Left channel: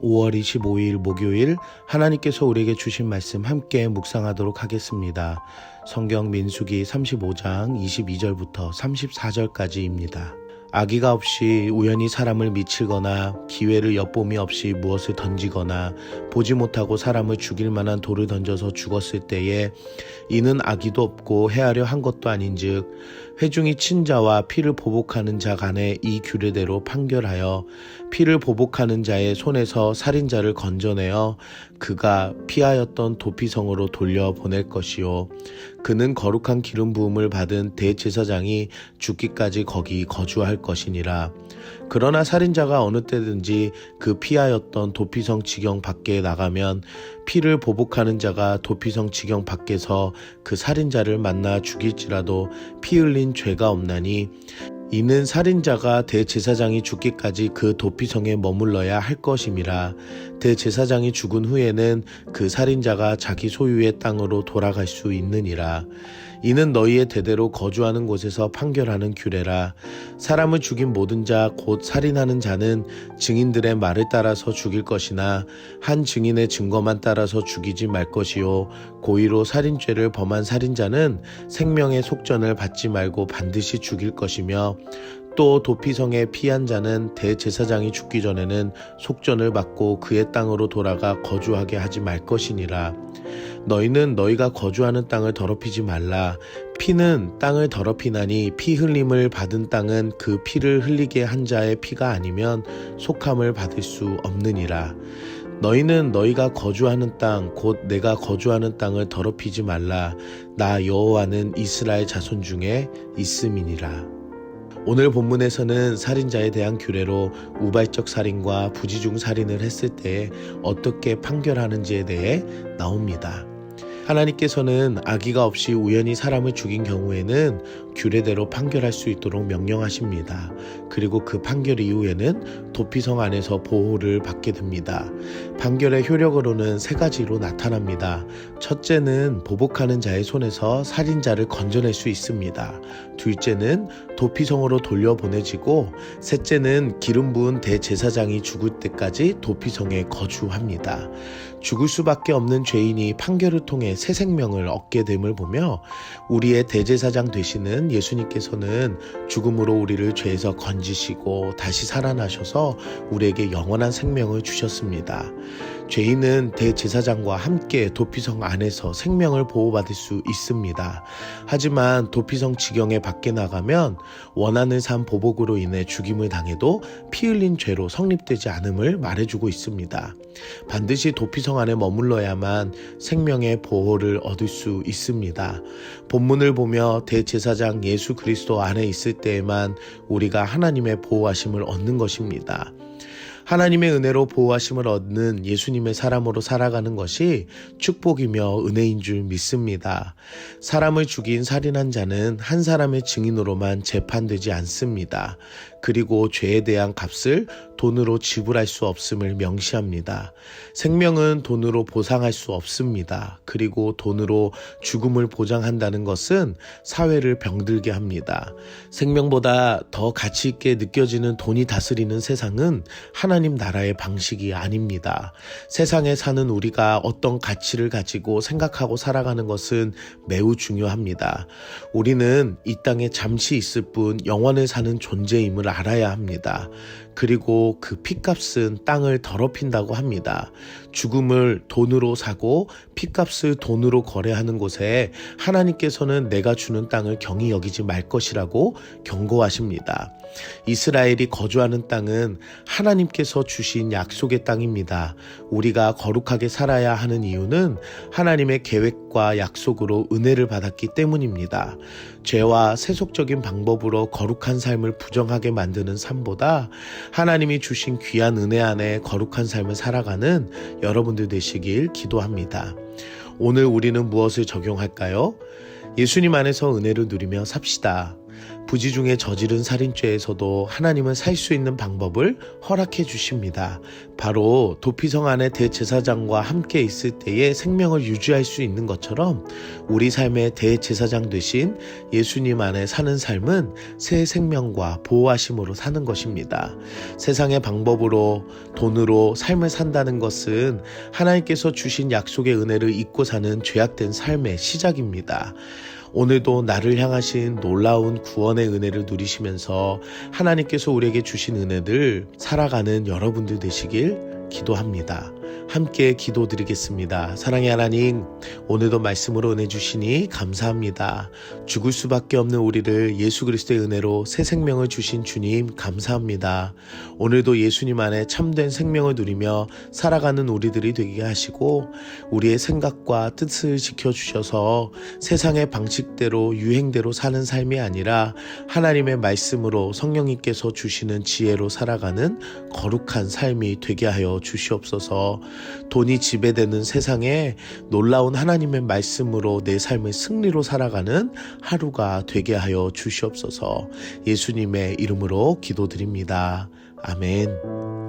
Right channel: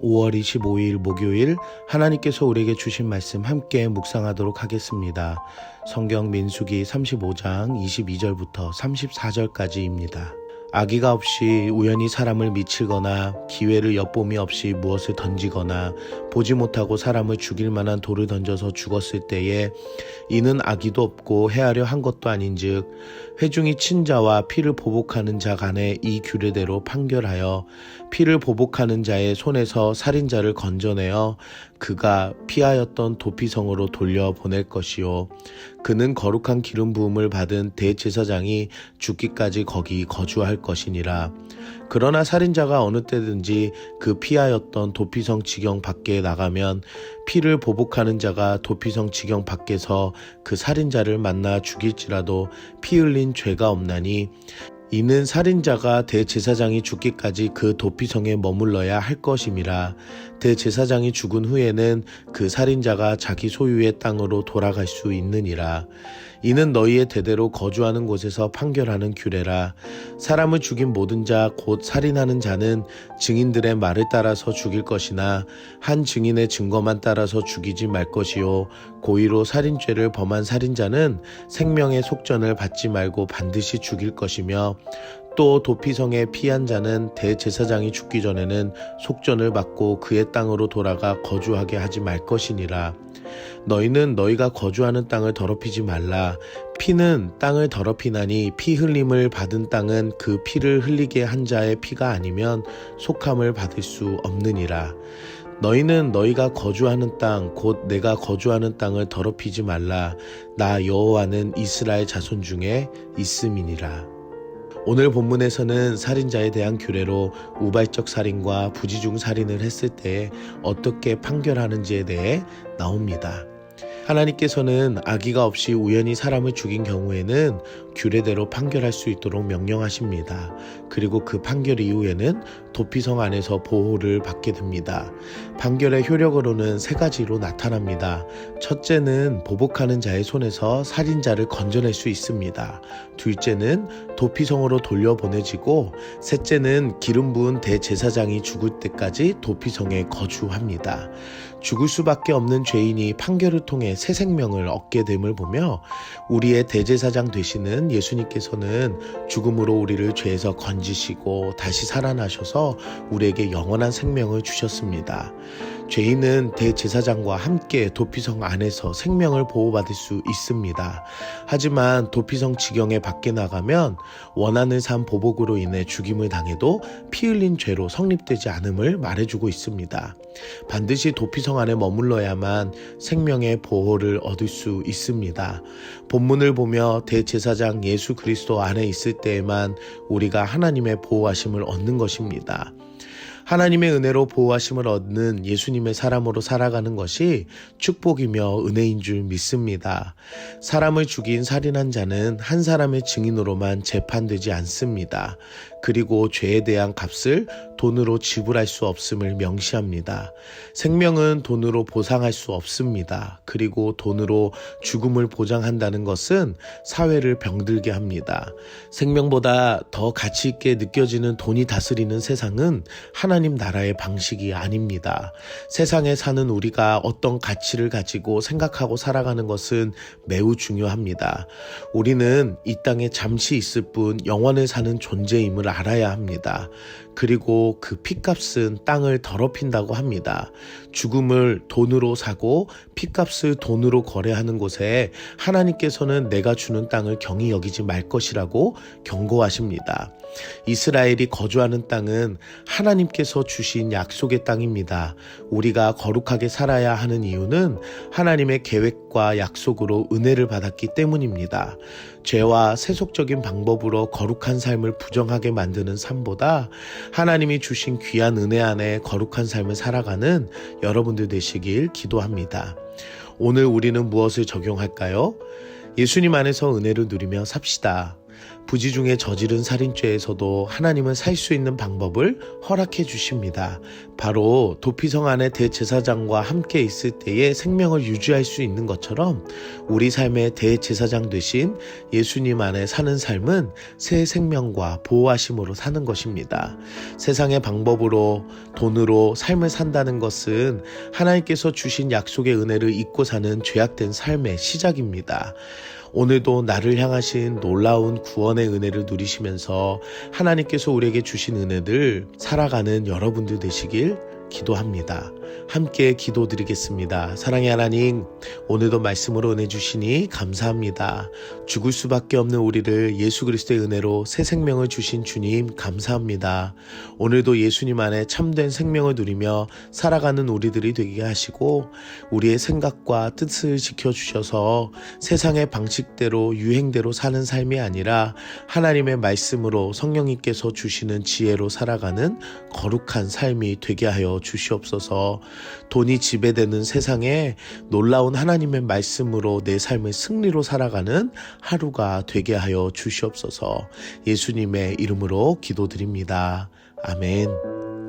5월 25일 목요일 하나님께서 우리에게 주신 말씀 함께 묵상하도록 하겠습니다. 성경 민수기 35장 22절부터 34절까지입니다. 아기가 없이 우연히 사람을 미치거나 기회를 엿봄이 없이 무엇을 던지거나 보지 못하고 사람을 죽일 만한 돌을 던져서 죽었을 때에 이는 아기도 없고 해하려 한 것도 아닌즉 회중이 친자와 피를 보복하는 자 간에 이 규례대로 판결하여 피를 보복하는 자의 손에서 살인자를 건져내어 그가 피하였던 도피성으로 돌려보낼 것이요 그는 거룩한 기름 부음을 받은 대제사장이 죽기까지 거기 거주할 것이니라. 그러나 살인자가 어느 때든지 그 피하였던 도피성 지경 밖에 나가면 피를 보복하는 자가 도피성 지경 밖에서 그 살인자를 만나 죽일지라도 피 흘린 죄가 없나니 이는 살인자가 대제사장이 죽기까지 그 도피성에 머물러야 할 것임이라. 대제사장이 죽은 후에는 그 살인자가 자기 소유의 땅으로 돌아갈 수 있느니라. 이는 너희의 대대로 거주하는 곳에서 판결하는 규례라. 사람을 죽인 모든 자 곧 살인하는 자는 증인들의 말을 따라서 죽일 것이나 한 증인의 증거만 따라서 죽이지 말 것이요 고의로 살인죄를 범한 살인자는 생명의 속전을 받지 말고 반드시 죽일 것이며 또 도피성에 피한 자는 대제사장이 죽기 전에는 속전을 받고 그의 땅으로 돌아가 거주하게 하지 말 것이니라. 너희는 너희가 거주하는 땅을 더럽히지 말라. 피는 땅을 더럽히나니 피 흘림을 받은 땅은 그 피를 흘리게 한 자의 피가 아니면 속함을 받을 수 없느니라. 너희는 너희가 거주하는 땅 곧 내가 거주하는 땅을 더럽히지 말라. 나 여호와는 이스라엘 자손 중에 있음이니라. 오늘 본문에서는 살인자에 대한 규례로 우발적 살인과 부지중 살인을 했을 때 어떻게 판결하는지에 대해 나옵니다. 하나님께서는 아기가 없이 우연히 사람을 죽인 경우에는 규례대로 판결할 수 있도록 명령하십니다. 그리고 그 판결 이후에는 도피성 안에서 보호를 받게 됩니다. 판결의 효력으로는 세 가지로 나타납니다. 첫째는 보복하는 자의 손에서 살인자를 건져낼 수 있습니다. 둘째는 도피성으로 돌려보내지고 셋째는 기름 부은 대제사장이 죽을 때까지 도피성에 거주합니다. 죽을 수밖에 없는 죄인이 판결을 통해 새 생명을 얻게 됨을 보며 우리의 대제사장 되시는 예수님께서는 죽음으로 우리를 죄에서 건지시고 다시 살아나셔서 우리에게 영원한 생명을 주셨습니다. 죄인은 대제사장과 함께 도피성 안에서 생명을 보호받을 수 있습니다. 하지만 도피성 지경에 밖에 나가면 원한을 산 보복으로 인해 죽임을 당해도 피 흘린 죄로 성립되지 않음을 말해주고 있습니다. 반드시 도피성 안에 머물러야만 생명의 보호를 얻을 수 있습니다. 본문을 보며 대제사장 예수 그리스도 안에 있을 때에만 우리가 하나님의 보호하심을 얻는 것입니다. 하나님의 은혜로 보호하심을 얻는 예수님의 사람으로 살아가는 것이 축복이며 은혜인 줄 믿습니다. 사람을 죽인 살인한 자는 한 사람의 증인으로만 재판되지 않습니다. 그리고 죄에 대한 값을 돈으로 지불할 수 없음을 명시합니다. 생명은 돈으로 보상할 수 없습니다. 그리고 돈으로 죽음을 보장한다는 것은 사회를 병들게 합니다. 생명보다 더 가치 있게 느껴지는 돈이 다스리는 세상은 하나님 나라의 방식이 아닙니다. 세상에 사는 우리가 어떤 가치를 가지고 생각하고 살아가는 것은 매우 중요합니다. 우리는 이 땅에 잠시 있을 뿐 영원을 사는 존재임을 알아야 합니다. 그리고 그 핏값은 땅을 더럽힌다고 합니다. 죽음을 돈으로 사고 핏값을 돈으로 거래하는 곳에 하나님께서는 내가 주는 땅을 경히 여기지 말 것이라고 경고하십니다. 이스라엘이 거주하는 땅은 하나님께서 주신 약속의 땅입니다. 우리가 거룩하게 살아야 하는 이유는 하나님의 계획과 약속으로 은혜를 받았기 때문입니다. 죄와 세속적인 방법으로 거룩한 삶을 부정하게 만드는 삶보다 하나님이 주신 귀한 은혜 안에 거룩한 삶을 살아가는 여러분들 되시길 기도합니다. 오늘 우리는 무엇을 적용할까요? 예수님 안에서 은혜를 누리며 삽시다. 부지 중에 저지른 살인죄에서도 하나님은 살 수 있는 방법을 허락해 주십니다. 바로 도피성 안에 대제사장과 함께 있을 때에 생명을 유지할 수 있는 것처럼 우리 삶의 대제사장 되신 예수님 안에 사는 삶은 새 생명과 보호하심으로 사는 것입니다. 세상의 방법으로 돈으로 삶을 산다는 것은 하나님께서 주신 약속의 은혜를 잊고 사는 죄악된 삶의 시작입니다. 오늘도 나를 향하신 놀라운 구원의 은혜를 누리시면서 하나님께서 우리에게 주신 은혜를 살아가는 여러분들 되시길 기도합니다. 함께 기도드리겠습니다. 사랑의 하나님, 오늘도 말씀으로 은혜 주시니 감사합니다. 죽을 수밖에 없는 우리를 예수 그리스도의 은혜로 새 생명을 주신 주님 감사합니다. 오늘도 예수님 안에 참된 생명을 누리며 살아가는 우리들이 되게 하시고 우리의 생각과 뜻을 지켜주셔서 세상의 방식대로 유행대로 사는 삶이 아니라 하나님의 말씀으로 성령님께서 주시는 지혜로 살아가는 거룩한 삶이 되게 하여 주시옵소서. 돈이 지배되는 세상에 놀라운 하나님의 말씀으로 내 삶을 승리로 살아가는 하루가 되게 하여 주시옵소서. 예수님의 이름으로 기도드립니다. 아멘.